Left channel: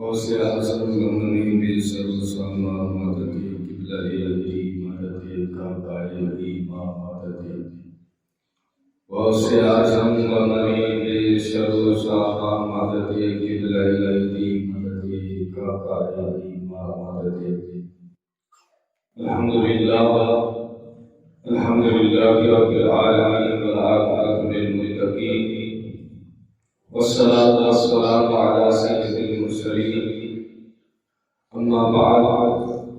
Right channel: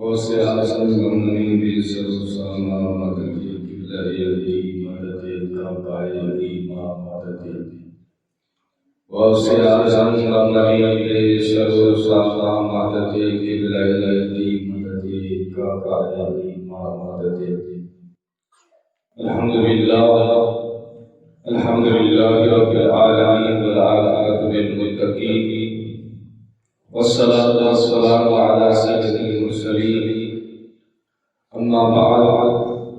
وسيعصم غمني بسرسما مدتي كبلهي مدتي كبائي ما مدتي وسيعصم غمني بسرسما مدتي كبلهي مدتي كبائي ما مدتي. الحمد لله رب العالمين والعاقبة للمتقين والصلاة والسلام على سيد المرسلين. أما بعد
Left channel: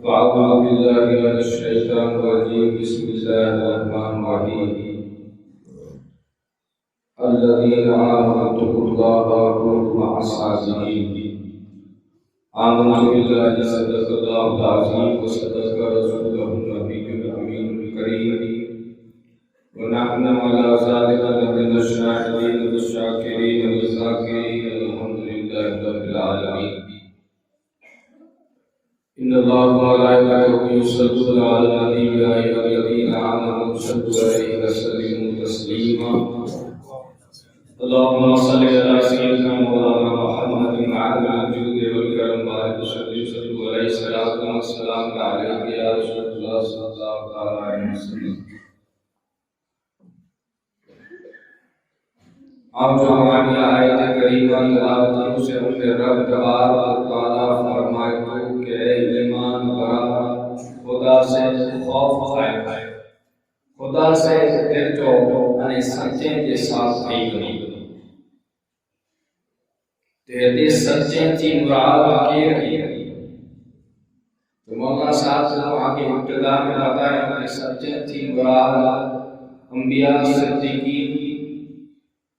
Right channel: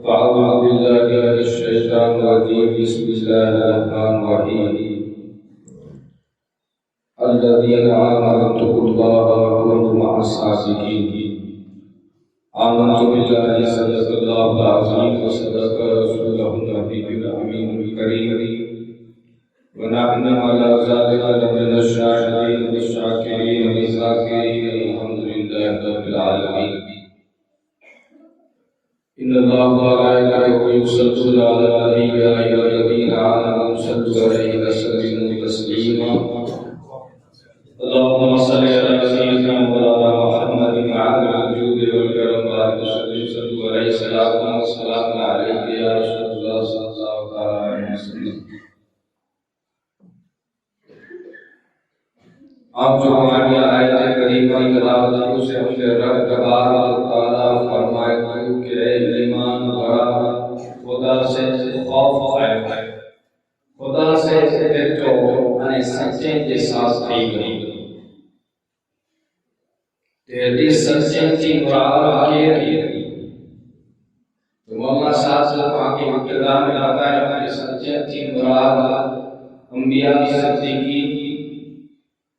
فأعوذ بالله من الشيطان الرجيم. بسم الله الرحمن الرحيم. الذين آمنوا اتقوا الله وكونوا مع الصادقين. آمنت بالله صدق الله العظيم وصدق رسوله النبي الأمين الكريم ونحن على ذلك لمن الشاهدين والشاكرين والذاكرين الحمد لله رب العالمين. إن الله وملائكته يصلون على النبي يا أيها الذين آمنوا صلوا عليه وسلموا تسليما. اللهم صل على سيدنا مولانا محمد وعلى الجود والكرم بارك وسلم. صلوا عليه صلاة والسلام عليك يا رسول الله صلى الله عليه وسلم. آپ جو ہماری آیت کریمہ تلاوت کی اسے ہمیں رب تبارک و تعالیٰ فرمائے تو کہ اے ایمان برا خدا سے خوف کھائے، خدا سے ڈرو اور سچے کے ساتھ تھی گئی. تیری سچے کی مراد کے تو مولا صاحب سے آگے ابتدا میں بتایا کہ سچے کی مراد انبیاء صدیقین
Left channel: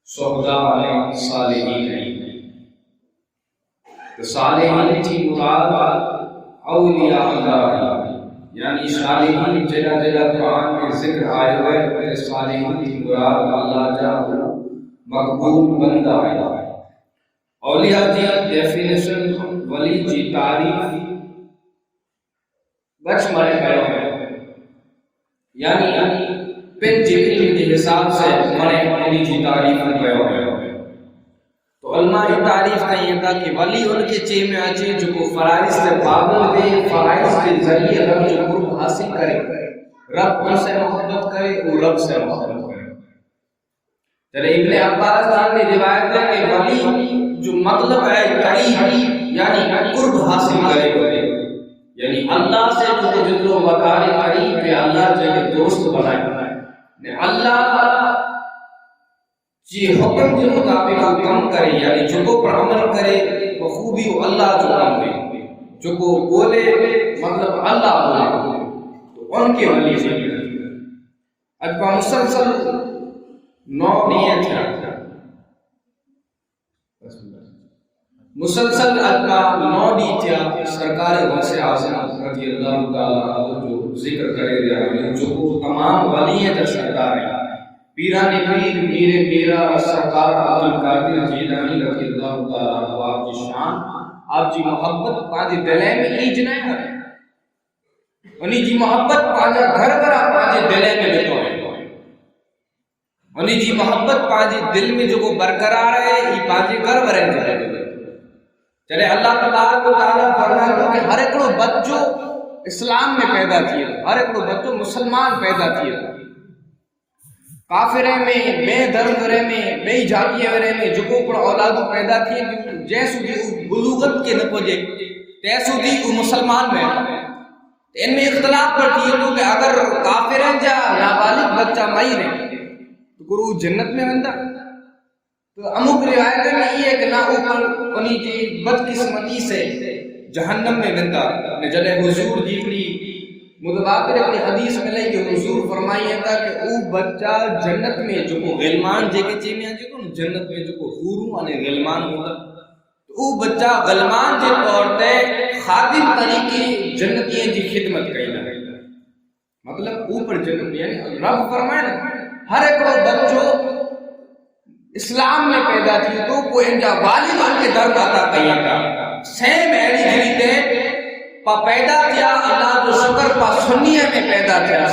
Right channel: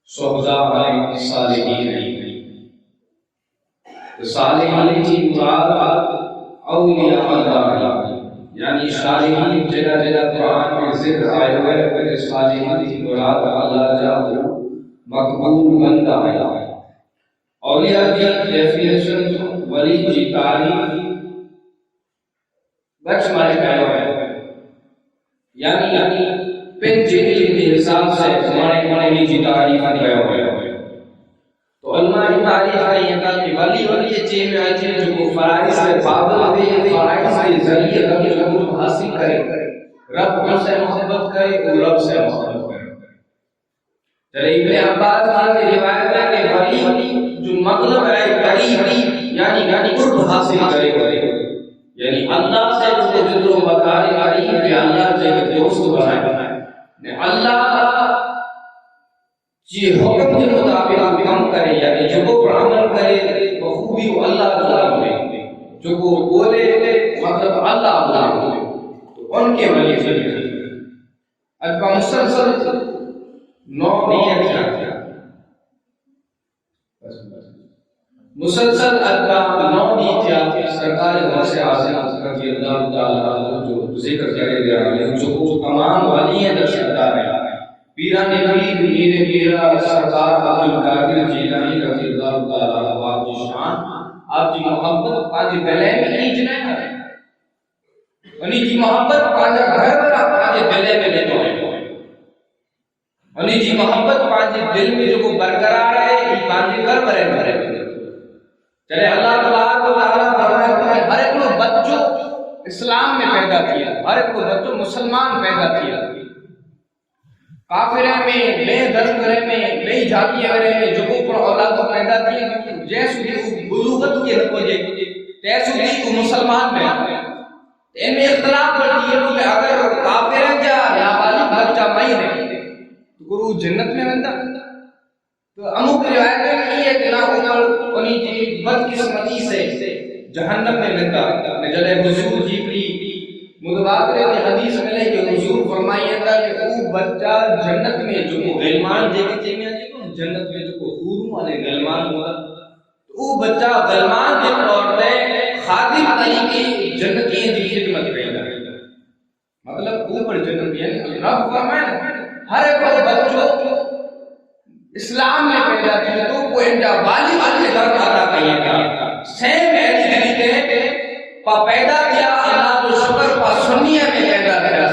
شہداء علیہ صالحین ہیں. صالحین کی مراد اولیاء اللہ ہیں، یعنی صالحین جگہ جگہ قرآن میں ذکر آئے ہوئے کہ صالحین کی مراد اللہ جاؤ مقبول بندہ ہے. اولیاء کی ڈیفینیشن ولی کی تعریف بچ مرے گئے ہیں، یعنی پن جیلی کے حساب سے ولی کی تعریف گئے ہوئے. تو علماء تعریف کا یہ تھا کہ ولی ان کے چے میں اچھے جو کو فرائض سے پابند ہوئے، فرائض کے ذریعے رب جو قرب حاصل کرے، رب ان سے محبت کرے، وہ رب سے محبت کرے. چلے ابن عباس کی روایت ہے کہ ولی جو مطلب ہے قریب یعنی قرب حاصل کرے ہوئے، یعنی اللہ سے جو جدو مکان قریب ہے، اللہ سے دوست بنائے، اللہ جی حکم کے مطابق کام کرے، یعنی جو کو پر عمل کرے بخوبی اللہ جو کرے، جو کو بولے مطلب اللہ بولے، تو ان کے ولی سے اجبا مسلسل نو نیت ہے، مسلسل اجبا نو نیت ہے. سرکار غوث اعظم رضی اللہ تعالیٰ جو ذکر کرے گیا ہے، جو کو تمام ولی ہیں جو سردار ہیں، پیران پیر میر میرا سرکار عبدالقادر جیلانی رضی اللہ تعالیٰ آپ کی شان، آپ کی محبت پانچ دلے میں نہیں جنے ہیں، انہی کی محبت پانچ گھر برا پانچ دلے میں بھی تو ہے، انہی کی محبت پانچ دل میں جو کو برقرار ہے، یہ پانچ گھر برے کرے. چلے اللہ تعالیٰ فرمائے تو کہ ہر ایک لوگ بچوں اسلام میں پیدا کیا، ہر ایک لوگ بچوں مسلمان پیدا کیا، کافرے میں بے درگرے میں بے جاتی اگرے میں جو کو پر اولاد پیدا کیے، جیسو دی بلوغت کے نپوجے تیسو دی وہ مسلمان میں. ان میں اختلاف پڑتی ہے کہ اگر کافریں جا نابالغ بچہ مئی رہے تو گرو جنت میں بندہ. تو اموک روایتیں میں یہ کہ نہ اوپر انہی کی بدقسمتی سے جہنم میں بندہ. جلے حضور جیبری متواتر اپنی حدیث میں لے کہ حضور فرمائیے تھا کہ او بچہ جنت میں جو غلمان جگہ چیمیاں جو جنت میں جو حوروں آنے غلمان ہوتا، تو او بچہ غلمان کے طور پہ خادم طریقے جنتیاں کی خدمت کرتا ہے. مطلب اوپر جنت یعنی رب فرمائے ہر ایک بچوں اسلام میں پیدا تھی تو کوئی انجا والی کے در عطا کیا گا. سیم ایڈی گریتے پا پیدا کیا اللہ جو شکر پا سنیہ میں پیدا کیا.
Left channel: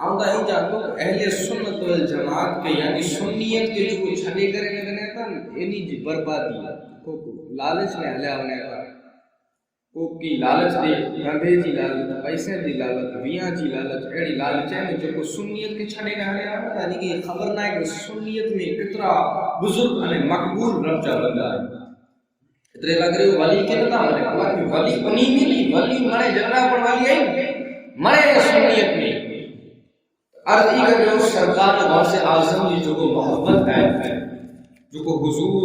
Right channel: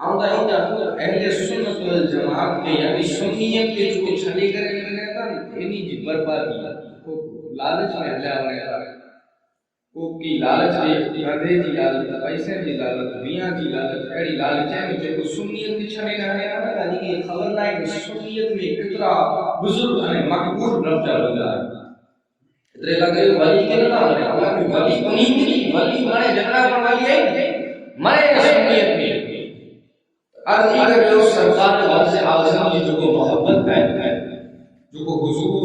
آؤں ہی جانو اہل سنت والجماعت کے یعنی سنیت کے جو چھڑے کرے لگنے کا انہی جی بربادی کو لالچ میں ہلیا ہونے کا کو کی لالچ دے گندے جی لالچ پیسے جی لالچ ویاں جی لالچ ایڑی لالچ ہے کہ جو سنیت کے چھڑے کرنے کا یعنی کہ خبر نہ ہے کہ سنیت میں کتنا بزرگ یعنی مقبول رب چاہ رہا ہے اترے لگے ولی کے نہ مرے اللہ کی ولی بنی نہیں ولی مرے جتنا پر ولی ہے مرے سنیت میں عرض یہ کہ اس سرکار غوث اعظم کی جو محبت ہے جو کو حضور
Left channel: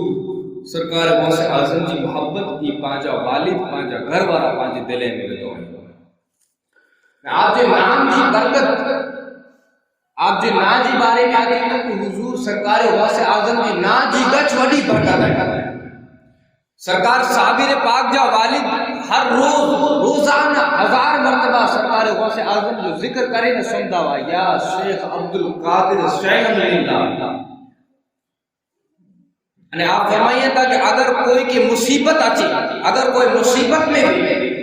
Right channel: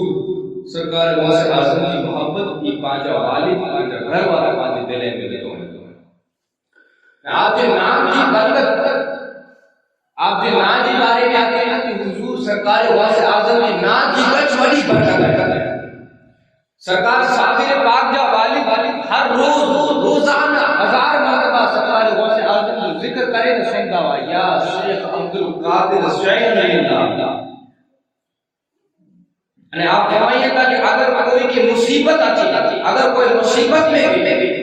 سرکار غوث اعظم کی محبت کی پانچا والد پانچا گھر والا پانچے دلے میں دیتا ہوں آپ جو نام جی برکت آپ جو نام جی بارے میں آتے ہیں کہ حضور سرکار غوث اعظم کی نام جی گچ وڈی برکت ہے سرکار صابر پاک جا والد ہر روز روزانہ 1000 مرتبہ سرکار غوث اعظم جو ذکر کرے نہ سندا وا یا شیخ عبد القادر شیخ اللہ یعنی آپ فرمائیے تھا کہ اگر کوئی کی مصیبت اچھی اگر کوئی مصیبت میں بھی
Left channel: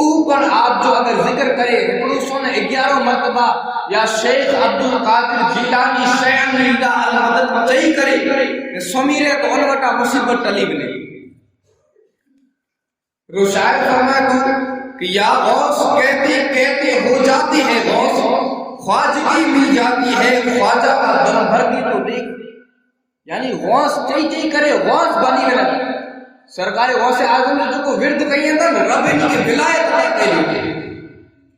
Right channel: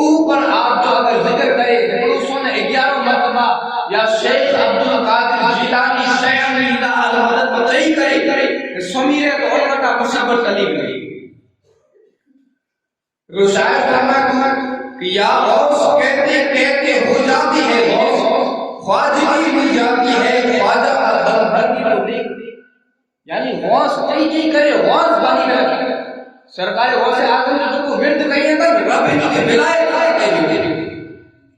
اوپر آپ جو اگر ذکر کرے پڑوسوں نے 11 مرتبہ یا شیخ عبد القادر جیلانی شیخ اللہ المدد بچائی کرے سمیرے تو انہوں کا مصیبت طلیب نہیں وہ شاعر فرمایا کہ یا غوث کہتے کہتے ہو جاتی ہے غوث خواجگی مل جاتی ہے خواجہ کا دم بھرتی تو دیکھ یعنی غوث چاہی کرے غوث بانی میں لگے سرکار غوث اعظم نے جو کو ورد کہی تھا رب ان کی ولایت کہتے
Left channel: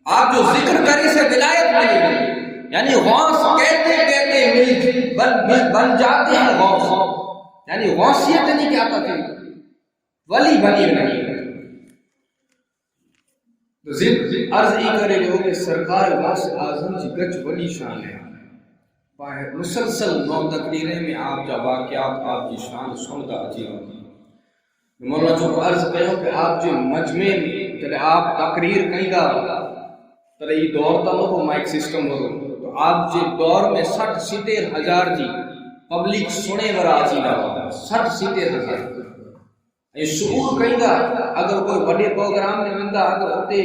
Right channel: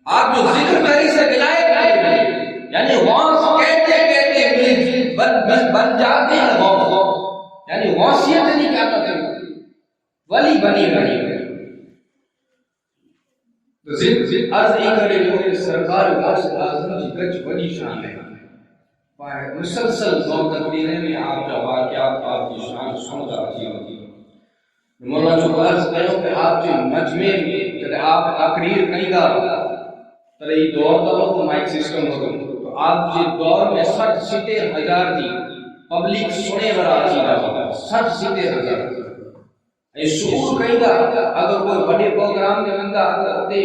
آپ جو ذکر کری سے ولایت کہتے یعنی غوث کہتے کہتے بن جاتے ہیں غوث یعنی غوثیت نہیں کیا کرتے ولی بنی رہی عرض ای کرے جو کہ سرکار غوث اعظم جی گچ بڑی شان ہے مسلسل نو تقریریں میں آپ جا واقعات آپ کی شان سنتا اچھی ہوتی مولانا جو عرض کہو کہ آپ جو مجمع میں جب آپ تقریر کہیں گا تو یہ دور تلو تو مائک سسٹم ہو گا تو آپ جی دور میں 60-70 جی پبلک سنے ورا اچھی گا 60-70 یہ شعور کہیں گا اگر کوئی بڑے پروگرام میں بندہ اگر ہوتے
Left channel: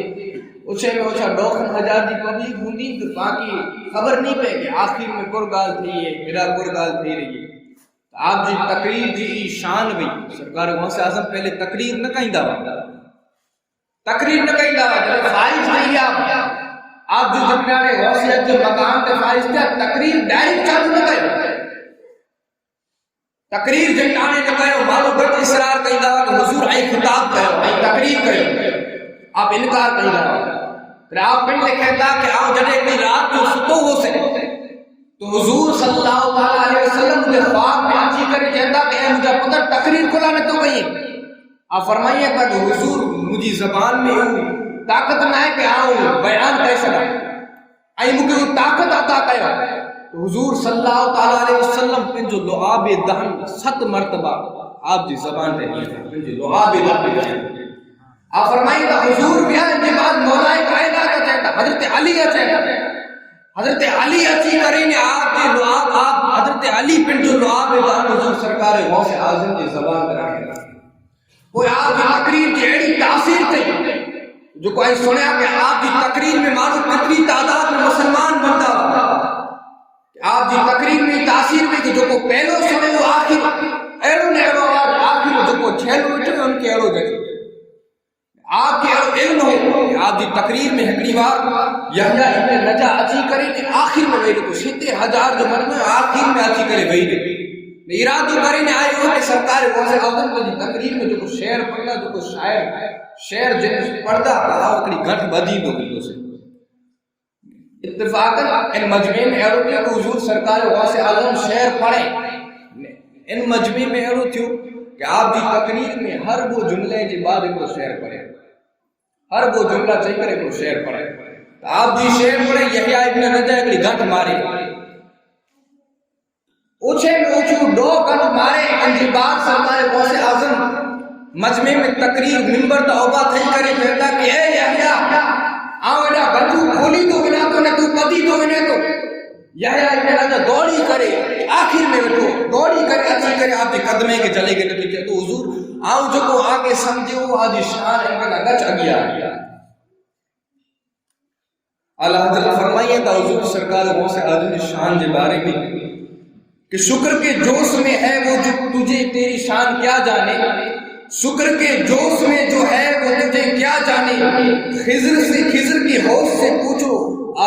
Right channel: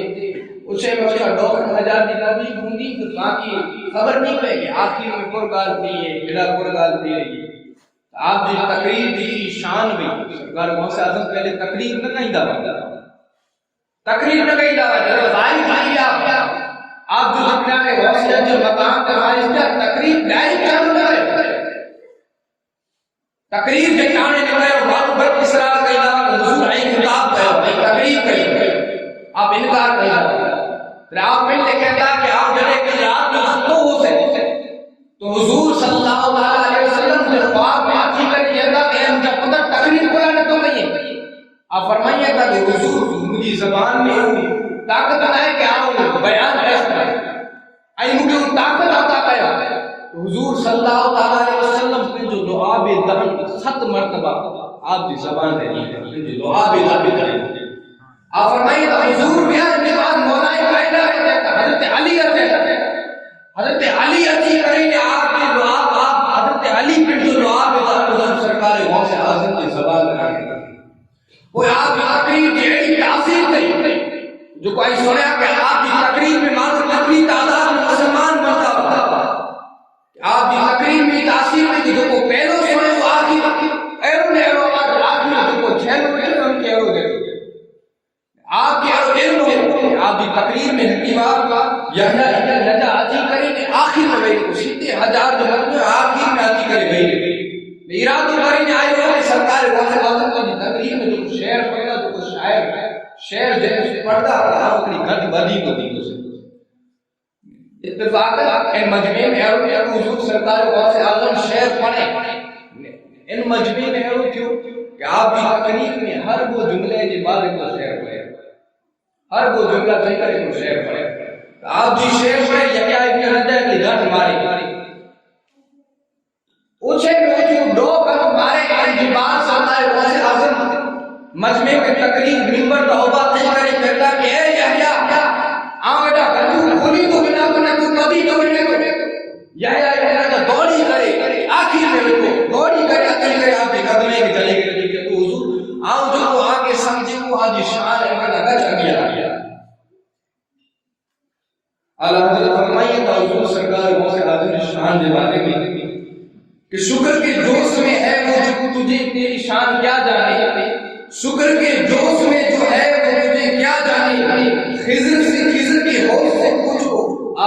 اسے میں اچھا 2,000 دی پبلک ہوندی تو باقی خبر نہیں پہ کہ آخر میں پرگال تھی ہے بلا پرگال تھی رہی آپ جو تقریر دی شان بھی سرکار غوث اعظم پہلے تقریر نہ کہیں دا تقریر نہ کہیں دا فائز نہیں آپ جو دنیا میں غوثیت جو مقام پہ فائز تھا تقریر ڈائریکٹ چالو نہ کرے تقریر جنانے نہ کرے مارو بڑھ اسرار کہیں دا حضور آئی خطاب کرے تقریر کرے آپ انکار کہیں دا پھر آپ پہلے کہتا کہ آپ جنہیں کوئی رات جو ستو ہو سے تو حضور صلی اللہ علیہ وسلم نے خواب میں آجی کر کہتا کہ اے مجھے پتر تقریر کھلانے تو گئی آپ فرمائیے گا کہ حضور مجھے زبان میں طاقت نہ ہے کہ آؤں بیان کیسے کریں آئی مجھے طاقت عطا کرے تو حضور صلی اللہ علیہ وسلم پہ جو لعاب دہن 7 مرتبہ آپ کی زبان رہی ہے جو لعاب دہن آپ فرمائیے گا حضور بیان کے بعد مولا کائنات کا چاہتا حضرت علی چاہتا حضرت علی اچھی کریں آپ کے لعاب آپ حضرت علی پہ جو لعاب دہن حضور سرکار غوث اعظم کی زبان رہی ہے وہ آپ کی تقریر کی ایڈی تاثیر تھی جو کوئی سنیا کہ آپ کی تقریر میں معلوم کتنی تعداد میں مسلمان بنتا آپ کی تقریر میں تاثیر میں کہ جو کو پہلو سنے وہ آخر ایرو نے ایرو آخر جو کو چھیلو اٹھے ان کے ایرو جائے آپ کے ایرو علم ہو کہ آپ کی تقریر میں ہکڑی بار یحییٰ ابن نجا اچھی کریں کہ آخر میں ویلے کو 70,000 جو مرمے آخر میں اچھی کرے ویلے ارادو کریں آئے ہو کہ سرکار غوث اعظم کی تقریر میں جو کو شعر پڑھنا جو کو شعر جن پڑھتا آپ اپنی گھٹ بدی کو بھی سے اتفاقاً ان مجمع میں ایرو کہ حضور سرکار غوث اعظم شعر پڑھیں ان مجمع میں ایرو تھیو کہ آپ کی تقریر میں ہر وہ جملے کے بعد کو شعر پڑھیں ہر وہ جملہ چاہیے کرے کو شعر پڑھیں آپ جی شعر پڑھیں یحییٰ ابن نجا اپنی گھٹ ماری اوچھے میں اوچھو 2 گھٹ مارے انجبار سرکار غوث اعظم مجمع میں تقریر منبر توبہ تھی کرے کہتا کہ اے یحییٰ آوڑا گھٹو کھولی تو بنا تو نے تو پتی تو بنا تو یحییٰ ابن نجا دوڑی کرے آخر میں تو دوڑی کرے اچھی کرے آپ کے قدمے کے چلے گئے تو حضور آؤ جو کو آگے سمجھے وہ آج شان ہے کہ گچ اگیا اعلیٰ حضرت فرمائیے کہ حضور سرکار غوث اعظم شان کے بارے میں کہ شکر کے جوش میں ہے وہ جو تجھے تیری شان کیا جانے، شکر کے جوش میں جو ہے وہ تجھے کیا جانے، خضر کی حوض سے پوچھو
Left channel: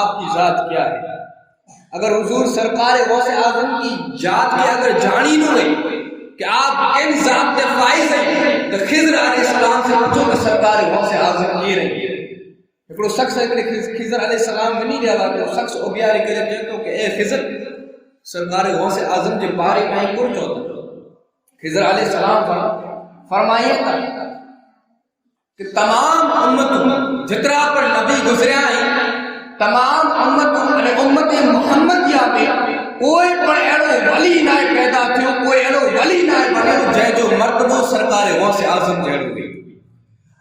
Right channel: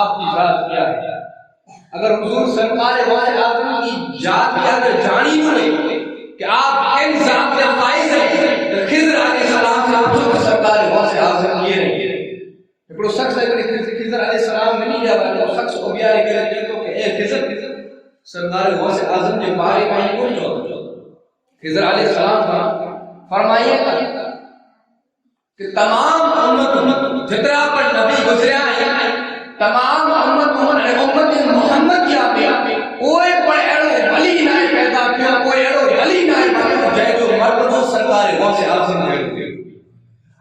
آپ کی ذات کیا ہے۔ اگر حضور سرکار غوث اعظم کی ذات کے اگر جانی نہ ہوئے کہ آپ کن ذات کے فائز ہیں تو خضر علیہ السلام سے پوچھو کہ سرکار غوث اعظم یہ رہی ہے۔ ایک شخص خضر علیہ السلام میں نہیں جاوا تو شخص اوبیارے کے لیے کہتے کہ اے خضر سرکار غوث اعظم کے بارے میں کون چاہتا؟ خضر علیہ السلام فرمائیے کہ تمام امت جترا پر نبی گزرے ہیں تمام امت محمدیہ میں کوئی پر ایڑو ولی نہ پیدا تھیو، کوئی ایڑو ولی نہ بنو جے جو مرتبہ سرکار غوث اعظم جیڑو دی۔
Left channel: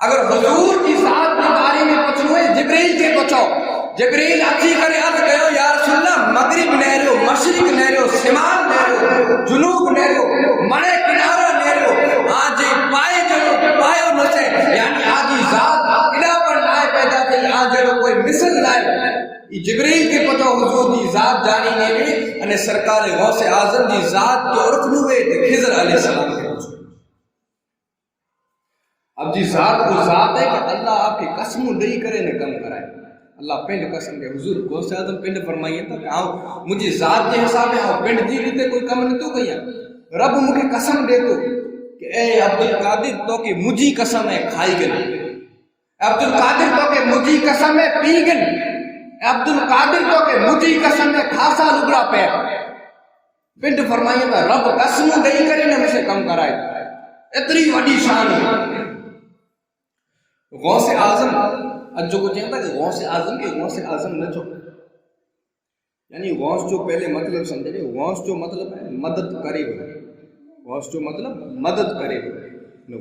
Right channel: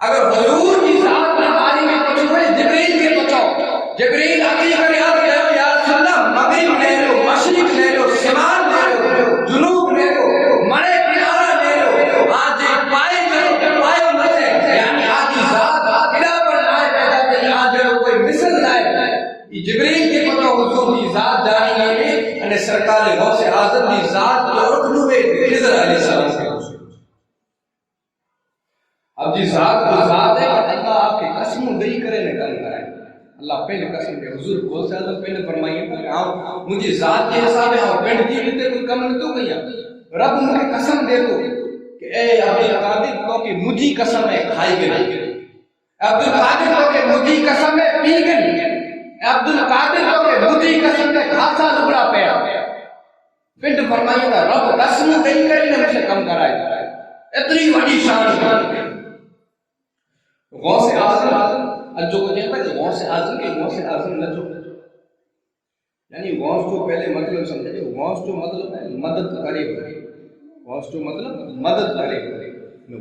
اگر حضور کی ذات کے بارے میں کچھ ہوئے جبریل کے پچھاؤ، جبریل اچھی کرے عرض کرو یا رسول اللہ مغرب لے لو، مشرق لے لو، شمال لے لو، جنوب لے لو، مڑے کنارہ لے لو، آج پائے جو پائے نسے یعنی آجی ذات کلا پر لائے پیدا تھی آج جو کوئی مثل لائے جبریل کے پتہ حضور دی ذات جانی میں انہیں سرکار غوث اعظم دی ذات کے عرف نوے خضر علیہ السلام کے پوچھو۔ اب جی ذات کو ذات ہے کہ اللہ آپ کے قسم دئی کرے نہ کم کرائے۔ اللہ پہلے قسم کے حضور غوث اعظم پہلے فرمائیے کہ مجھے ذات کے حساب ہے اور پنڈ جی لیتے کوئی کم نہ تو کہیا رب مجھے قسم دے تو کہ اے عبدالقادر تو کہ مجھے قسم ہے کھائی گئی، عبدالقادر تو کہ مجھے قسم ہے پی گئی، عبدالقادر تو کہ مجھے قسم ہے کھاسا لگڑا پیر۔ پنڈ فرمائیے گا رب قسم دئی کرے نہ مجھے کم کرائے، اتنی وڈی شان ہے۔ غوث اعظم جو کو چاہتا ہے کہ غوث اعظم کے غوث اعظم نہ چھو یعنی غوث جو پہلے مطلب سمجھے غوث جو مطلب ہے مدد کرے ہوئے، غوث جو مطلب مدد کرے ہوئے،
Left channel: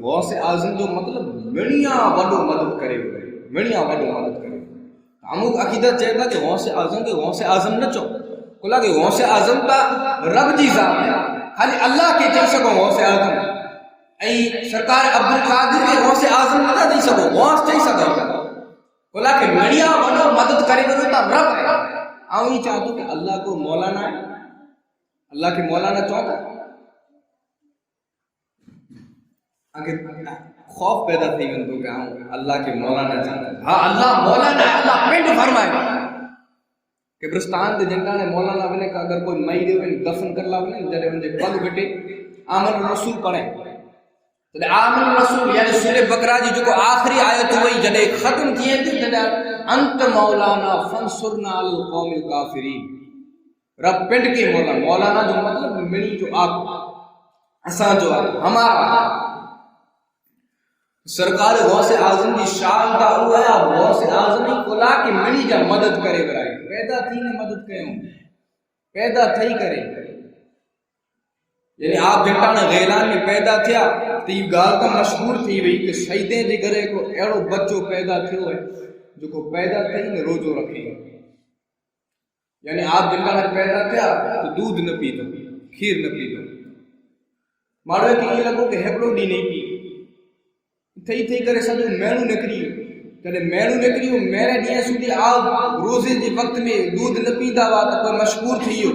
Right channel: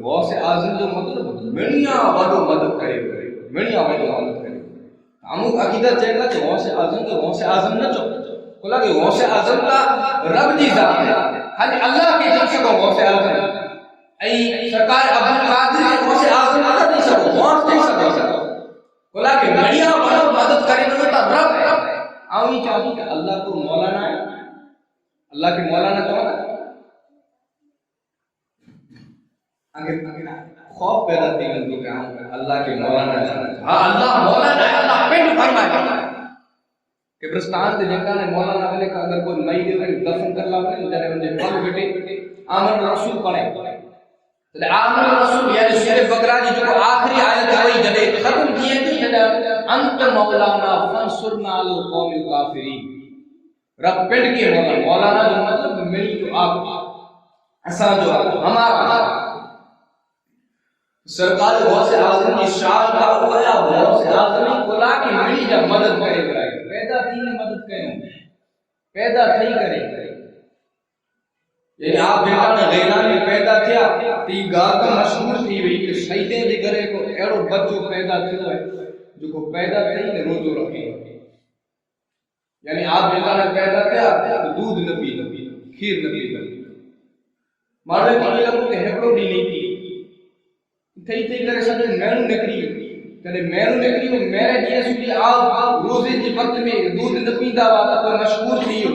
غوث اعظم جو مطلب منیا وڈو مدد کرے ہوئے، منیا وڈو مدد کرے ہوئے۔ ہم عقیدت چاہتا کہ غوث اعظم کے غوث اعظم نہ چھو کلا کہ غوث اعظم کا رب جی ذات ہے، خالی اللہ کے چل سکو غوث اعظم ای سرکار عبدالقادر کے غوث اعظم نہ دے سکو، غوث چاہی سکو بولا کہ منیا والو مدد کرے گا تو رب ہے۔ آؤں ہی چاہتا کہ اللہ کو مولانا ہے، اللہ کے مولانا چاہتا اگر خوف پیدا تھی گل تو کہ اللہ کے مولانا چاہتا ہاں اللہ مولانا ہے، اللہ پنڈ فرمائے قبرستان دے جنگا نے مولانا بنے کہ اگر کوئی مئی دے دفن کر لا بنے جرے مجھے پل بیٹے آمن رسول پڑھے آمن رسول یعنی سورہ بقرہ جی جو آخری آیت ہوئی جدے ختم کیے تو جدے انت مولانا فانصرنا علی القوم الکافرین، رب پنڈ کے مولانا جو مطلب میری جو آپ ایسا جو ہمارا سرکار غوث اعظم کی شان کا ہوا ہے غوث اعظم کولا کی میری جب مدد کرے برائے پیدا تھی نے مدد کرے پیدا تھی کرے یعنی آپ جتانا غیلان میں پیدا تھیا تو یہ گال کا مشہور تھی وہی کہ شہیدیں دے گرے کو ایڑو بچوں پیدا تھے جو کو پیدا تھی نے روزو رکھیں یعنی آپ جتانا پیدا تھیا تو دودھ نہ پی دو کھیر نہ پی دو مارا کہ یہ لگو کہ ہیپڑو دی نہیں کی تھی تھی کرے سمجھے مینو نکری کہنے مینو نکری وہ میرے دیئے سکتی آپ روزے جی وقت میں دودھ نہ پی دا تو کوئی مشہور تھی ہو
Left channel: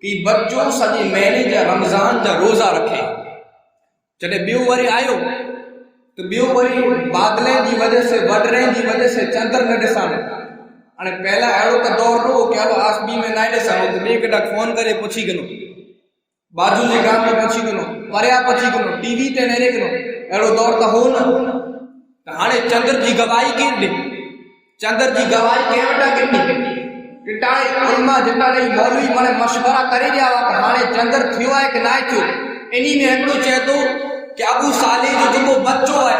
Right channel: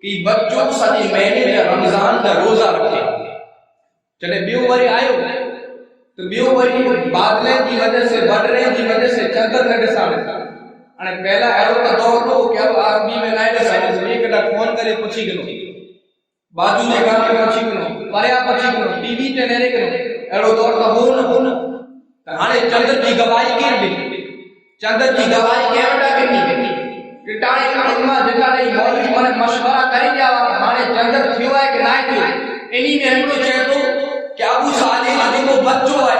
کہ بچوں سجی مہینے جا رمضان جا روزہ رکھے چلے بیو وری آئیو تو بیو وری بادلیں جی وجہ سے وڈریں جی وجہ سے چندر نہ ڈسانے انہیں پہلا ایڑو کا دور رو کہ ایڑو آسبی میں نائے ڈسانے تو ایک ڈاک فون کرے پچھی گنو باجو جے گام میں پچھی گنو پریا پچھی گنو ٹی وی تے نیرے گنو ایڑو دور تا ہو نا ہانے چندر جی گواہی کین دے چندر جی گواہی کیوڑا گنی کٹائی علماء جتا نہیں مولوی منے مشورہ کرے گیا کہ ہانے چندر تھیو ہے کہ نائے تھیو انہی میں ہم کو چاہتو کہ ابو صالح جو جنو بچو ہے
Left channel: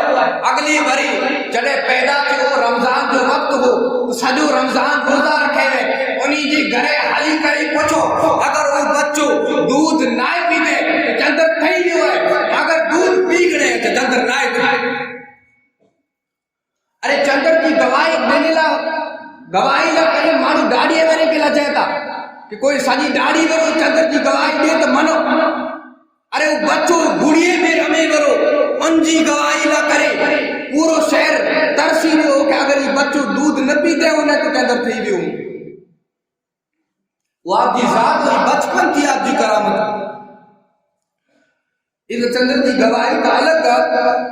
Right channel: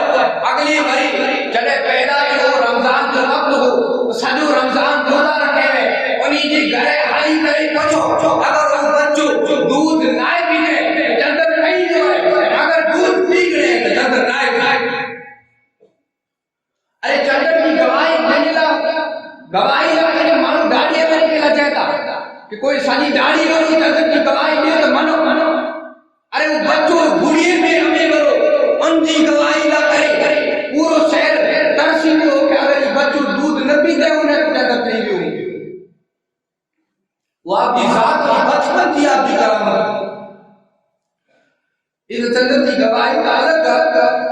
اگلی بری جڑے پیدا تھیو رمضان جو وقت ہو سجو رمضان روزہ رکھے ہوئے انہی جی گھرے حالی کرے پچھو اگر وہ بچو دودھ نائے پینے چندر کہیں نہیں ہوئے اگر دودھ پی گئے تو چندر نائے پینے ارے چندر کی گواہی دینے لا گواہی نہ کرے مانو ڈاڑی میں کے چاہتا کہ کوئی سانی ڈاڑی کرو چندر کی گواہی دے تو منو ارے وہ بچوں گڑیے میں ہمیں کرو ان جی گواہی نہ کرے پورو شہر ترسی ہو کہ اگر یہ بچوں دودھ نہ پیتے انہیں تو چندر تھی بھی وہ آپ کی ذات اور بچپن تھی آپ کی کرامت اس چندر کی گواہی کا الگ کر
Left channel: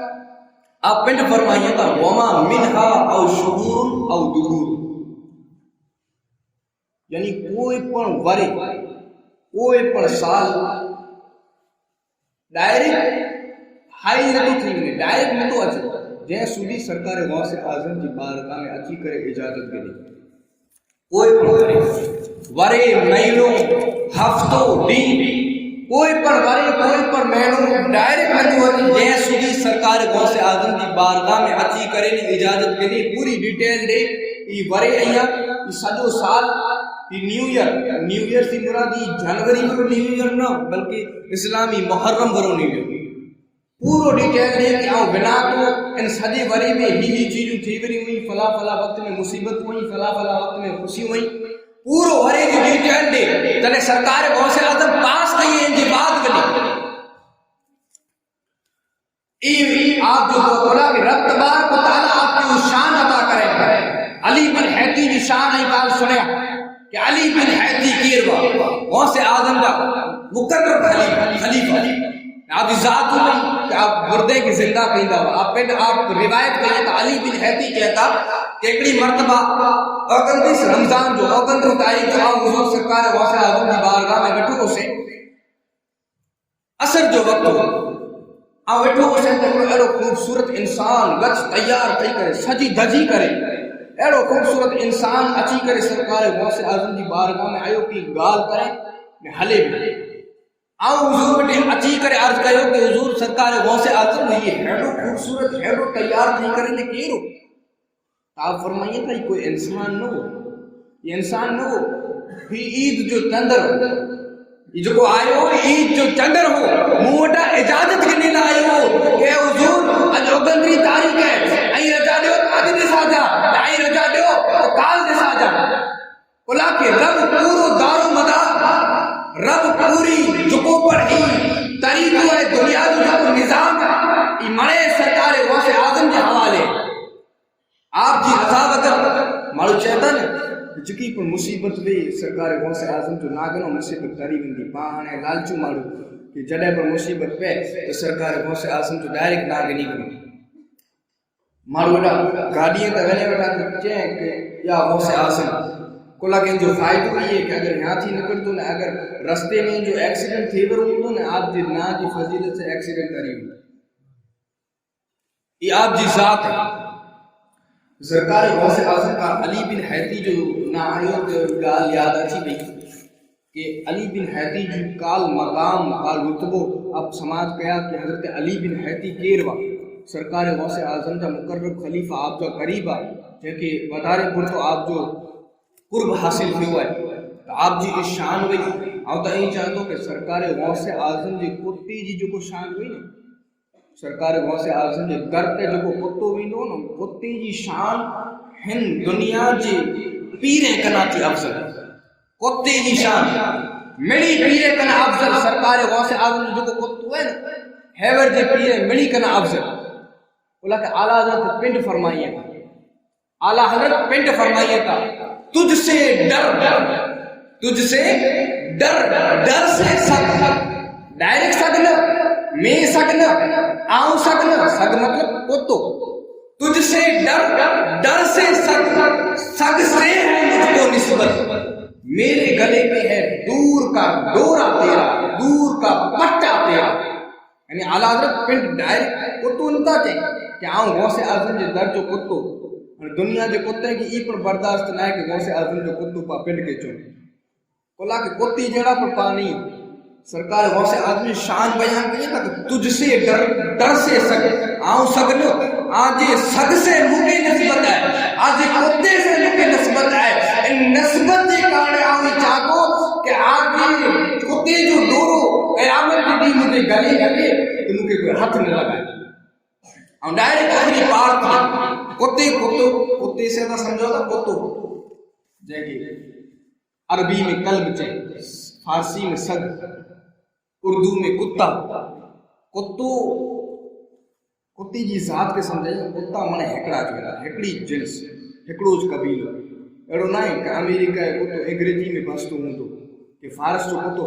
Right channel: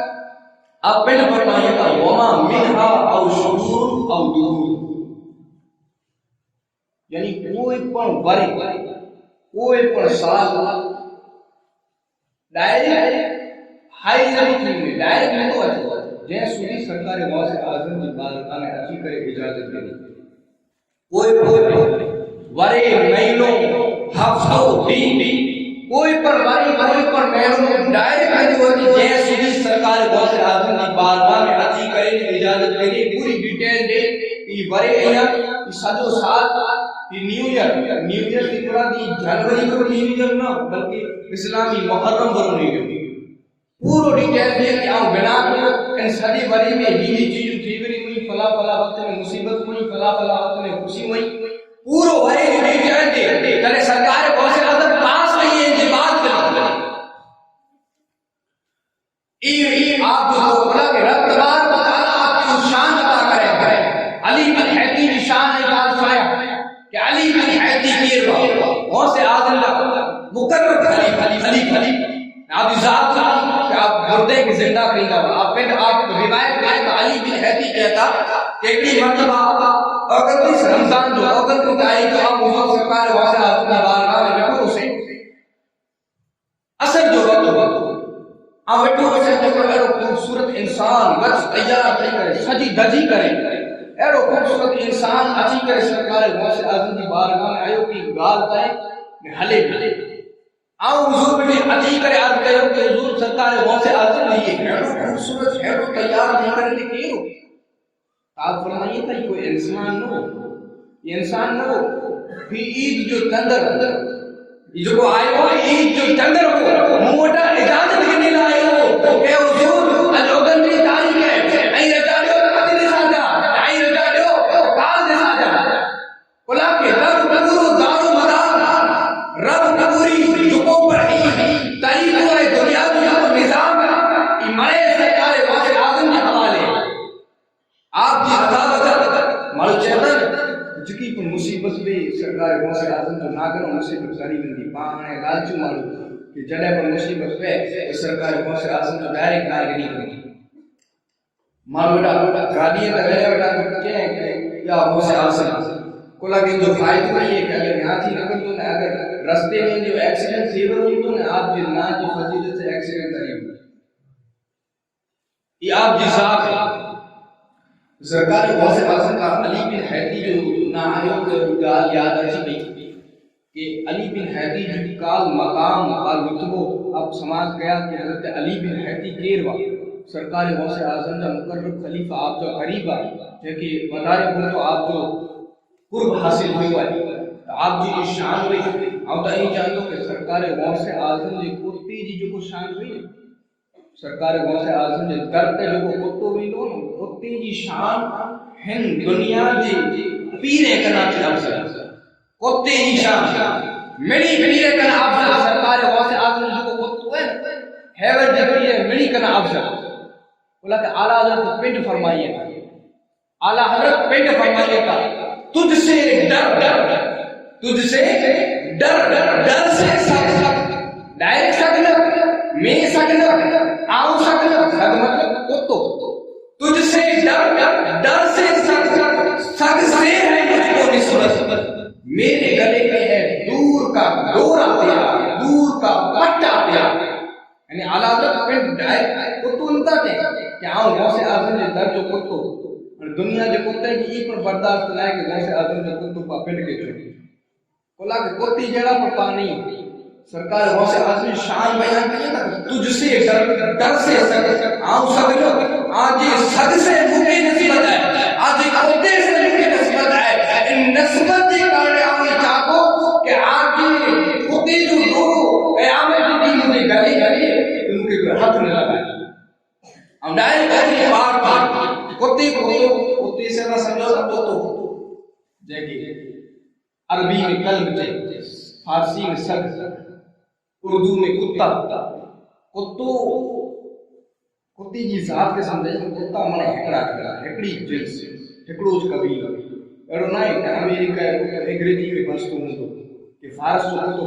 آپ پنڈ فرمائیے گا وما منہا او شہور او دہور یعنی کوئی پر ورے کوئی پر سال ڈائریکٹ ہائی نہیں تھی ڈائریکٹ نہیں تو اچھا جے سودی سرکار غوث اعظم کی بارگاہ میں اچھی کرے اجازت کرے کوئی پر ورے مہینوں ہفتوں دن کوئی پر ورے کوئی پر مہینوں ڈائریکٹ نہیں ہوتی جے سودی سرکار غوث اعظم کی بارگاہ میں اچھی کرے اجازت کرے پوری ڈیٹیل دے یہ ورے ایاں یہ سجو سال یہ نیو ایئر سے مراد جنوری کو نیو ایئر نہ بلکہ اسلامی محرم برو نیو ایئر پورو ڈیٹیل دے کہ آؤ بنا کو ان سجی وری میں ہی چیزوں تھی کری ہوئی فلا فلا وقت میں مصیبت ہوئی فلا فلا وقت میں خوشی ہوئی پورو وری کی ڈیٹیل دے تلے سرکار غوث اعظم پاس کہی ان کی بات کری آپ جو بولا کہ رب تبارک و تعالی آپ کی اس شان عطا کرے علی بن حیدی کی شان ہے بات سنیا کہ علی بن حیدی کیروا غوث اعظم کا مقرر خلیفہ آپ ذات کہ آپ گردے کی زندہ کہیں آپ روایت کریں تو علی بن حیدی کہتا کہ ایک مرتبہ اوگنتیس رمضان جو 29 تاریخ کو آپ حضور سرکار غوث اعظم کی بارگاہ میں بیٹھو اسے اثر جو وقت ہو آپ بیٹھو اسے ایڑو خوبصورت انسان گچ تیار تھی کرے سجی دجی کرے ایڑو خوبصورت انسان اچھی کرے سرکار غوث اعظم کی بارگاہ میں آئیو کی گال کرے میں حلے بھی آؤ حضور بٹے اچھی کرے عرض کہو کہ حضور سرکار غوث اعظم یہ ہیڑو خوبصورت ہیڑو تیار نہیں کرے نے کیرو آپ فرمائیے تھا کوئی انسان نہ ہو یہ انسان نہ ہو بھی عید جو چندر ہو یہ جو آئے ہو عید جو چندر ہو موٹا اجازت کے لیے آئے ہو کہ حضور اج 29 تاریخ ہے ائی رجا دیو آج دے ساجا ائی رجا دیو کال دے ساجا بولا کہ رب پورو دارو مدار رب پوری جکو پڑھی طریقہ ہے دنیا جو نظام ہے مرے سرکار غوث اعظم کے حوالے آپ کی رضا وقت مارو چیتن جکی پر مصیبت بھی سرکار غوث اعظم جو ناگنو مصیبت قریب اندی پاہنے لالچو مارو کہ جڑے پر مصیبت پہ سرکار غوث اعظم جو ڈائریکٹ ناگنی کریں مارو دا گاڑیاں دا گنے وٹا کہیں کہ یا غوث اعظم کو لگے جو فائدہ ہوئی ہے کہ اگر یہاں تھی نکل تو اگر رستے میں جو ایکسیڈنٹ تھی وہ تو آپ جی نا کی فضیلت سے ایکسیڈنٹ قریب یہ آپ جی ذات ہے سرکار غوث اعظم کا علی بن حیدی جو نایوں کے گال یاد اچھی گئی کہ علی بن حیدی جو کال مقام کال رتبو آپ سماج گیا کہ حضرت علی بن حیدی کیروا سرکار غوث اعظم کا مقرر خلیفہ آپ جو قریبا ہے کہ مدار پر تو آپ جو قرب حاصل ہوئی ہے آپ جی کی شان ہوئی آپ تو یہ چاہتو کہ سرکار غوث اعظم جی کتی جی جو کو شان ہوئی نا سرکار غوث اعظم جی در تے جو کو کتو ہوئی نو نا کتی جی شان ہن دنیا جی پیرے کنا کی افضل کتی جی شان مڑی پیرے کنا افضل سرکار غوث اعظم جو کو کتو ہے نا ہیور جی پیرے مڑی کنا افضل بولا کہ اعلیٰ حضرت پنڈ فرمائیے اعلیٰ حضرت پنڈ فرمائیے کا تجھ سے ڈر سے سگ ڈائریکٹ سگ نہ میں سگ نہ آؤں سگ نہ سگ مطلب کتو تجھ سے ڈر سے سگ سے ہے مجھ کو نسبت میرے گلے پہ ہے دور کا ڈورا تیرا دور کا پٹا تیرا یعنی اعلیٰ حضرت پنڈ ڈائریکٹ کتو انتا تھے کہ آؤں غوث اعظم جو در جو کتو دنیا جو کتے ہے کہ ای پر برداشت نہ ہے کہ غوث اعظم جو کتو پا پنڈ کے چوٹے بولا کہ کتی جڑا پر پانی سرکار غوث اعظم شان بیان کیا کہ تجھ سے ڈر سے سگ آؤں سگ لو آج سگ سے مجھے نسبت ہے آج کتے سے مجھے نسبت ہے ان نسبت جے کرنے آؤں چاہو کہ آج کتے جو دورو قیامت دی مجھے گلی تو مجھے کوئی ہاتھ نہ لگا ہم ڈائریکٹ آخری بار تھا کتے سے نہ سمجھو کتو جیگی عربی میں کلب چے فارسی میں سگ اردو میں کتا کتو کتی جی ذات کے سمجھے کتا منہ ہکڑا کھڑا ہکڑی جنس ہکڑوج قبیل ایڑو نہ ہے کہ امریکہ ہے کتو انگریزی میں بستو ہوں تو فارس جو کتو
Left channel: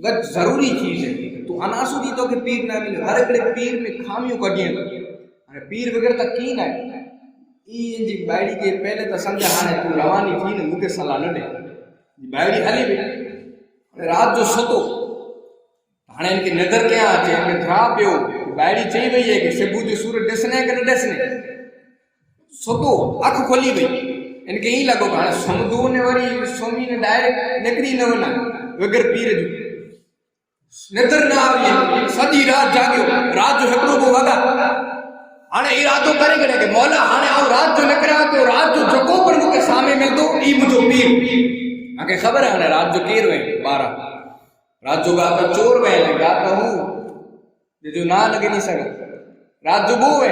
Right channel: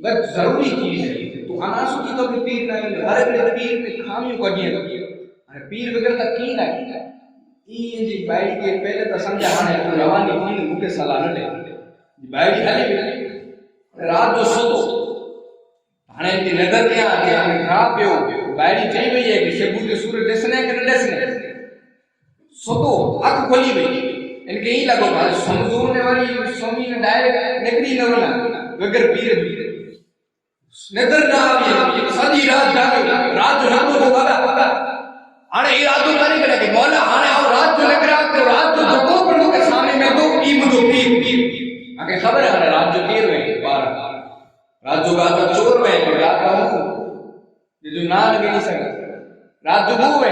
گچ ضروری چیز ہے تو اناسو کی تو کہ پیر نہ ملے ہر ایک پیر میں خامیوں کڈیاں پیر بغیر تک کی نہ این جی بائڑی کے پہلے تو سمجھا ہاں تو روانی تھی نے مجھے صلاح نہ دے بائڑی ہلی رات جو سوتو ہاں ان کی نظر کیا آتی ہے خراب پیو بائڑی چاہی گئی ہے کہ شبو جو سورج ڈسنے کہ نہ ڈسنے سوتو اکھ کھولی گئی ان کے ہی لگو گا سمدو نے وری سومی نے ڈائریکٹ نکری نہ ونا بغیر پیر جو نظر نہ آئی سجی رات جاگے رات جو ہکڑو کو وگا آنے ارادو کرے گا کہ مولا آنے آؤ رات جو لکھ رہا تو رات جو جھکو پر مو کے سامنے میں تو ای مجھو پیر آگے خبر ہے رات جو کیر ہوئے بارہ رات جو گاتا چور ہوئے گاتا ہوں جو نہ لگے نہیں سکا رات جو بو ہوئے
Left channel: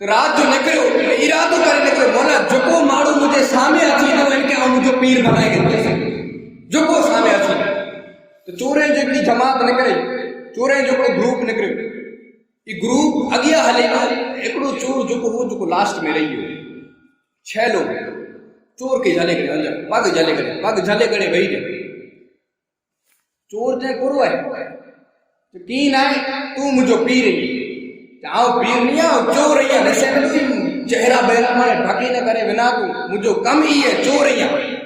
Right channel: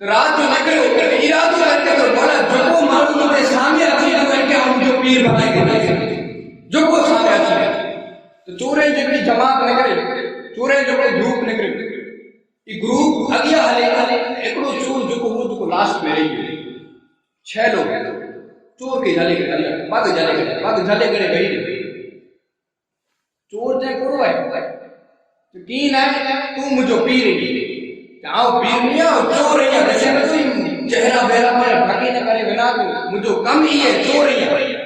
تو رات جو لکھ رہے ارادو کرے گا مولا جھکو مارو مجھے سامنے اچھی نہ ان کے آؤ مجھو پیر بنائے گا جھکو سامنے اچھی تو چوریں جگلی جماعت نکرے چوریں جگلی گروپ نکرے یہ گروپ اگیا ہلے گا ایکڑو چور جو کو لاسٹ میں رہی ہے 6 لوگ چور کے جلے گئے پاگ جلے گئے وہی دے چور جائے کرو ہے تو کین آئے تو مجھو پی رہی ہے آؤ پیر نہیں آؤ چور رہی ہے ویسے نہیں چہرہ بہرہ مارے بھاکی نہ کرے بنا تو مجھو کم ہی ہے چور رہی ہے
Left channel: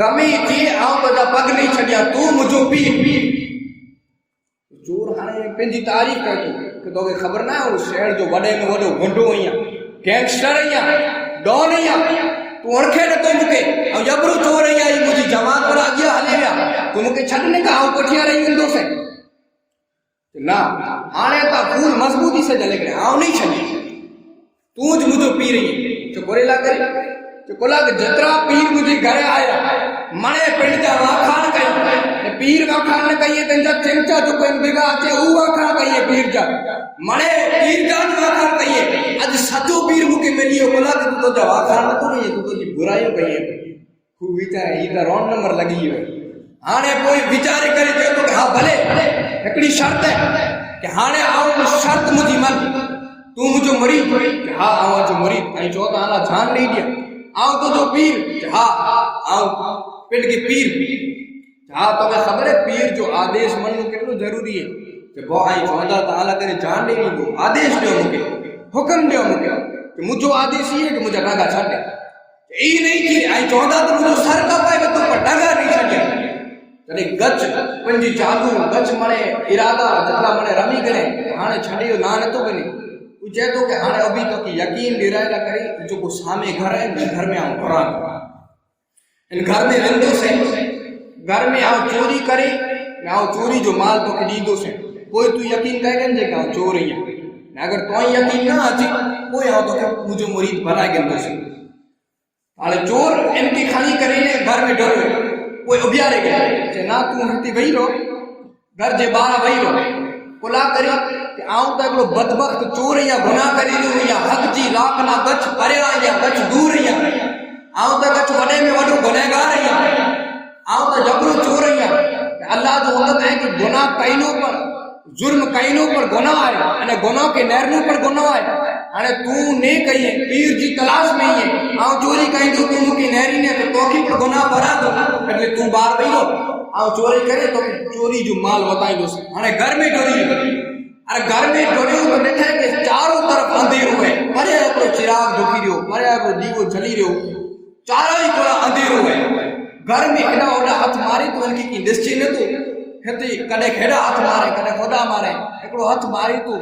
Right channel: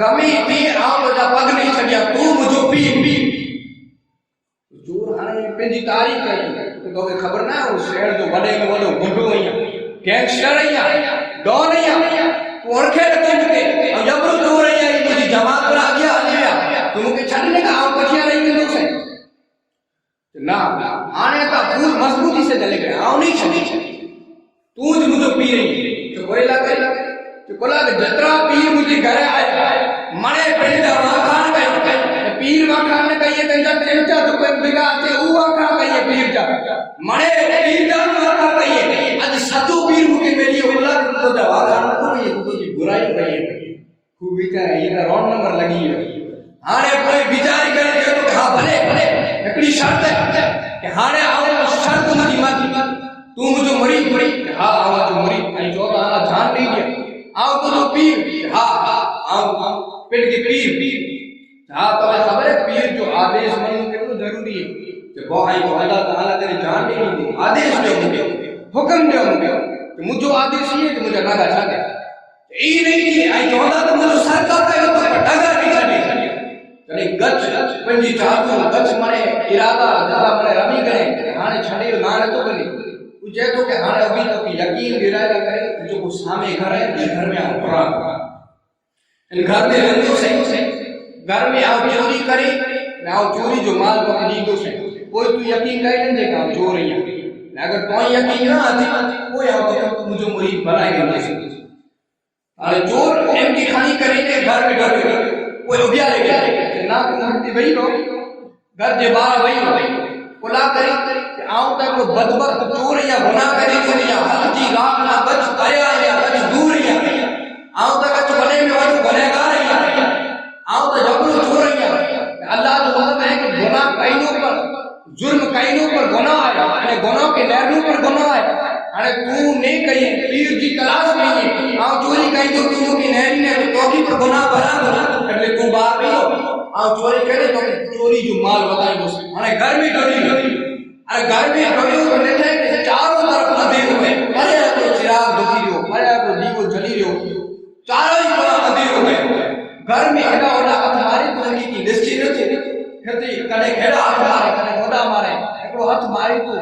گمی تھی آؤ تو جا پگ نہیں چھڑیا تو مجھو پی چور آنے پنجی تاریخ کرتے کہ تو خبر نہ ہے اس شہر جو وڈے میں وڈو گھنٹو ہوئیاں گینگسٹر رہیاں ڈون رہیاں تو ارکھے رکھتے مکے اور جبرو چور رہیاں یہ مجھے جماعت پر آگیا آنے گیا تو مکے چھڑنے کا آؤ کٹھیا رہی گندوں سے نا آنے تا پھول مضبوطی سے جلے گئے آؤ نہیں چھڑنے تو مجھے پی رہی تو کوئی لا کری تو کولا کہ جترا پیر مجھے گھرے آیا منے پنڈ دا واکھان کئی پیر واکھان نہ کہیے تنجا چمچا تو کوئی بگا تے او واکھان کہیے پیر جا منے پیر جا واکھان کہیے اج ستو پیر مکے ملیو بولا کہ تو جا واکھان نہ تو یہ تو جی برائی کہیے کو بیچارہ یہ دا رون نمبر لگی ہے ہانے کوئی بیچارے کرے تے تو ہاں بھلے ایکڑی شرط ہے کہ ہانے آؤ شرط مجھی من تو مجھے مرید کہ ہاں آواں جو مرید کہیں جو تا جان نہیں دیا آؤ تو جو پیر ہاں آؤ پنڈ کے پیر ہاں تو خبر ہے پیر جو آدیش منو کتنا ضروری ہے کہ وہ آئی خدا تعالیٰ کرے جان نہیں دی آدیش جو مجھے حکم جو مجھے کہ مجھو آدیش ہی ہے کہ مجھے ڈاگا چھا دیا یہ نہیں تھی آئی چوہدہ تو مجھو سر کا پائے تو پر ڈاگا نہیں چھا دیا کرے گچ پنجی چاہتوں گچ منے ارادہ جتلا منے رمی کریں ہانے چھڑے نانے تو بنی جے تو کہ ہانے ابھی تو کہ یقین ڈیرائے نہ کرے جو کو سامنے گھر ہے میں گھر میں آؤں قرآن ان گھر میں رہندو سے گھر میں آؤ چوری کرے نہ آؤ چوری جو مال تو کلیدو سے کوئی تو یقین کرے گا جے کہ چور رہی ہے اگر تو یقین نہ آتی کوئی آؤ تو مجھے مرید بنائے گا سے آنے چور ان کی کھانی کریں گے گھر میں ڈر کوئی ابیارے گا کہ نہ تم ہنتی وہی رو گھر جے باہر وہی رو کلا کرے کہ آؤں تک وہ بدبخت چور یا گناہ کرے گا یا حق جی لاکھ نہ بچ کرے گا یا بچ دور یا آؤں تک اچھ وڈے میں وڈو گناہ گا رہی ہے آؤں تک جبرو چور رہی ہے اللہ جو وقت ہے کہ گناہ کائنوں پر جرم کائنوں پر گناہ ہے یعنی گناہ کے نیرنوں پر گناہ ہے یعنی تو نے کہیے پیر جی تلاش نہیں ہے آؤں چوری کہیں تو تمہوں کی نیری نے توقی پر گناہ بھرا دو کہ تو بار بھی ہو آؤں چوری کرے تو چوری جو مال بتائیں دو سے یعنی گھر میں ڈوری اور گھر میں ڈوری ہو بیٹھے کہ چاروں طرف اندھیر ہوئے مرے کو چراغ دکھی رہو مرے کو دیگو جلی رہو چاروں ہی کو اندھیر ہوئے گھر میں ایڈا اوڈا ہاتھ مارے تو ان کی انڈسٹری نہ تو ہتے کنے کھڑا ہاتھ مارے کنے ہوڈا مارے ایکڑو ہاتھ مارے تو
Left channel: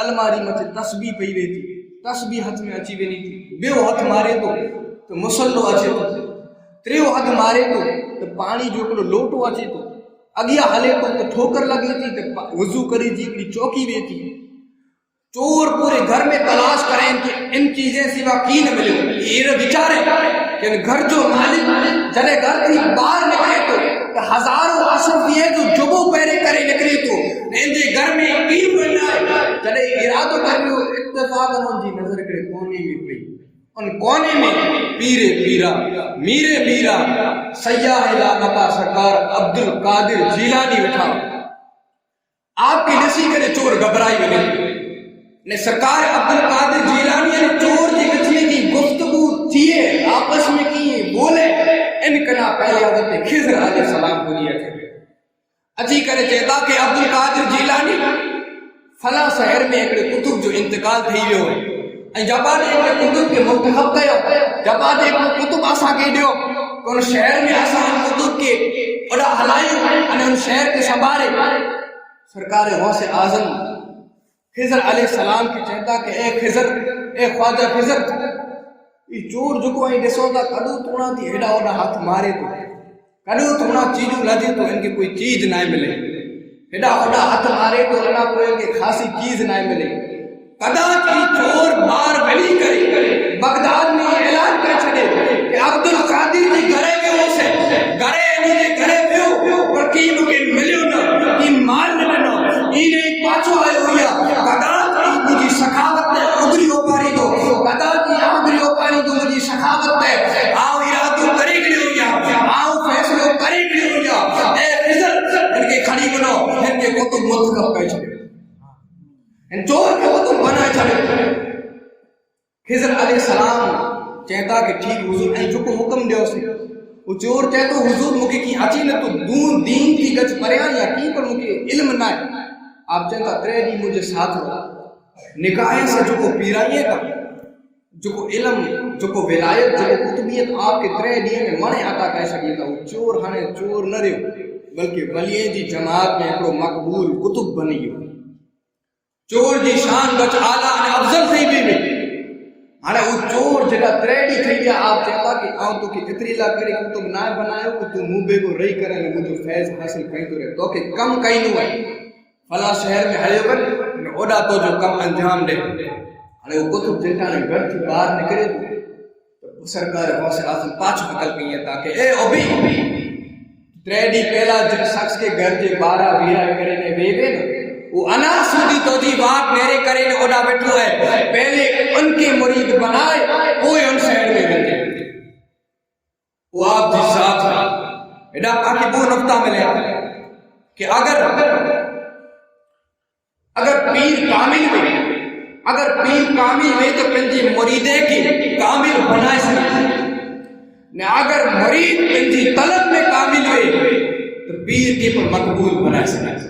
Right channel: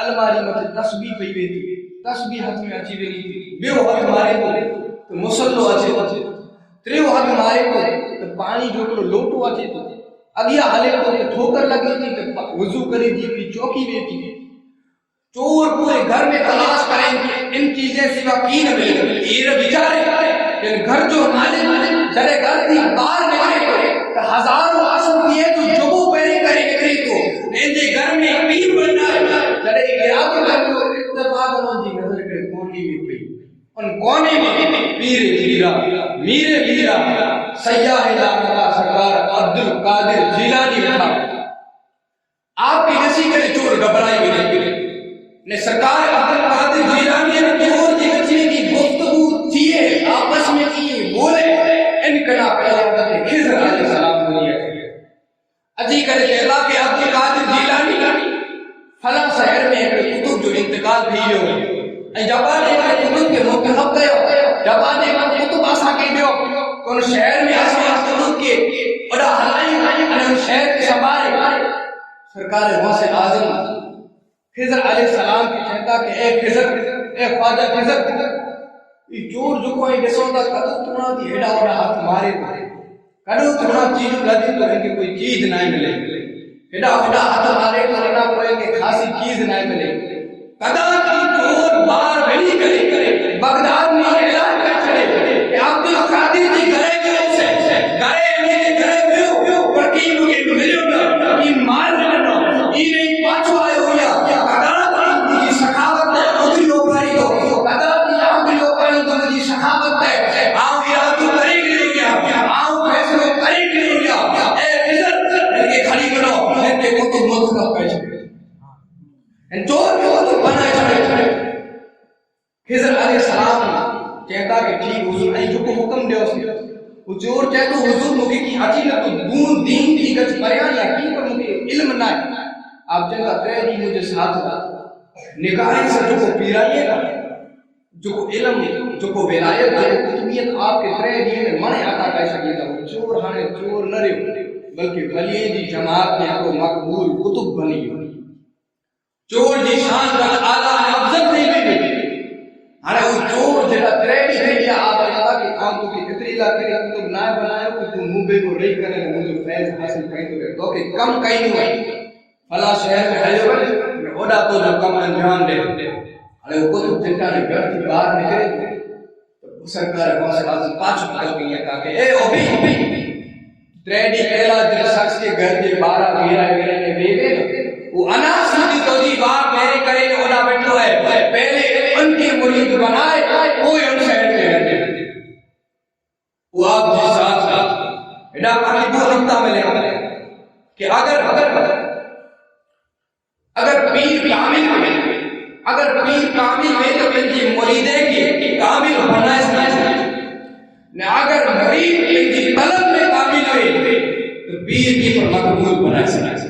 الماری مت تسبیح پئی وی تھی تسبیح ہاتھ میں اچھی وی تھی بیو ہاتھ مارے تو مصلو اچے تو تریو ہاتھ مارے تو پانی جو کڑو لوٹو اچے تو اگیا ہلے تو ٹھوکر لگی تھی کہ وضو کرے جی کی چوکی وی تھی چور پورے گھر میں تلاش کریں کہ ان چیزیں سوا کی نہ ملے یہ بیچارے کہ گھر جو مالک جلے گھر تھی باہر نکلے تو ہزاروں آسر دیے جو جبو پہرے کرے نکلی تو نینجے گھر میں پیر بننا ہے جلے ارادو گھر میں اتفاق ان جی نظر کرے کونے میں پئی ان کونے میں پیر پیرا میر میرا سیاح لامتا سرکار عبد القادر جیلانی اٹھا آپ کی نسی کرے چور گھبرائی بنے نے سرکار عبد القادر جیلانی نے چور جی بچنے کی گفتگو تھیے آپس میں کیے بولے ان کنا پہلے حضرت خضر علیہ السلام کو لیا کرے اجی کے منتخب کیا جب آج ایک کتب آسا کے دیو کون شہر میں آسان کتب کے اڑا ہلائی ان شہر کے سنبھارے سرکار غوث اعظم خضر علیہ السلام کی چہتا کہ اے خضر اے خواجہ خضر یہ چور جو کوئی دسو دا کدو تونا تھی ایڈا اوڈا ہاتھ مارے تو کدو تونا چیز لدی تو ان کی کوئی چیز نہ ملے ایڈا اوڈا ہاتھ مارے تو اینا کوئی ان کی خاصی چیز نہ ملے کدا کی چور بار بلی کرے بغداد میں اعلان کر چھڑے کہ عبد القادر جی گھرے گئے سے گھرے نہیں گھرے گئے پر کی مجھے ملیو نا کی مال نہ نا انہیں پاچو آئے ہویا کدا کی مجھے سخاوت ہے اگریو پاری تو کدا کی اگریو پاری تو مجھے سخاوت ہے آؤ ارادو کرے گئے ہویا آؤ فیصلو کرے گئے ہویا اے خضر ان کے کھڑی بنو ان کے کتب منتخب کر چھڑے ان چور کے کتب بنائے چھڑے خضر علیہ السلام چہتا کہ ٹھیک حضور نہیں جو کو حکم دے اس نے وہ چور چاہتا حضور مجھے کی اچھی نہ تو دون دین کی گچ پریان یا کی پر مجھے علم نہ ہے آپ چاہتا ترے دی مجھے ساتھ ہو نکاہیں سے جو کو پیرائیے کا جو کو علم جو کو ولایت جو کو قطبیت آپ کے ترے دیئے میں منے عطا کر سکیے تھا وہ چور ہنے چور نہ رہے بلکہ ولیے جی جماعت میں اپنے مقبول قطب بنی ہو چور جی شان بچ آلہ نے افضل نہیں بھی بھی ہاں وہ چور جڑا تریڈی تھی گیا آپ چاہتا کہ آن تو کی اتری لا کرے کہ تم نہ بنائے کہ تم موبے کو رہی کرنے مجھے فیض حاصل کریں تو رہے تو کہ کم کہیں نو ہے فلا شہر میں ہائیو کر اوڈا تو جو کم انجام دے ہاں وہ کتب جنٹا نے گھر تھی باہر نکلے تو سرکار غوث اعظم پاچ نکل گئی ہے تاکہ اے ابھی تریڈی پہلا جن شخص کے گھر جے بارہ ویرہ کرنے ویوے نا وہ انا سودی تو جی بات میرے کرے نے اوڈا بیٹھو ہے پہلے ان کے مرید بنائے کوئی ان شہر میں رہتے وہ آپ جس ساتھ ایڈا پاکی بو نکتہ ملے کہ اگر پیر کامل ہوئے تو پنجی مریدے کی کامل بنائے سکتے نہ اگر مرید پنجی طلب میں کامل ہوئے تو پیر کی پر مقبول بنائے سکتے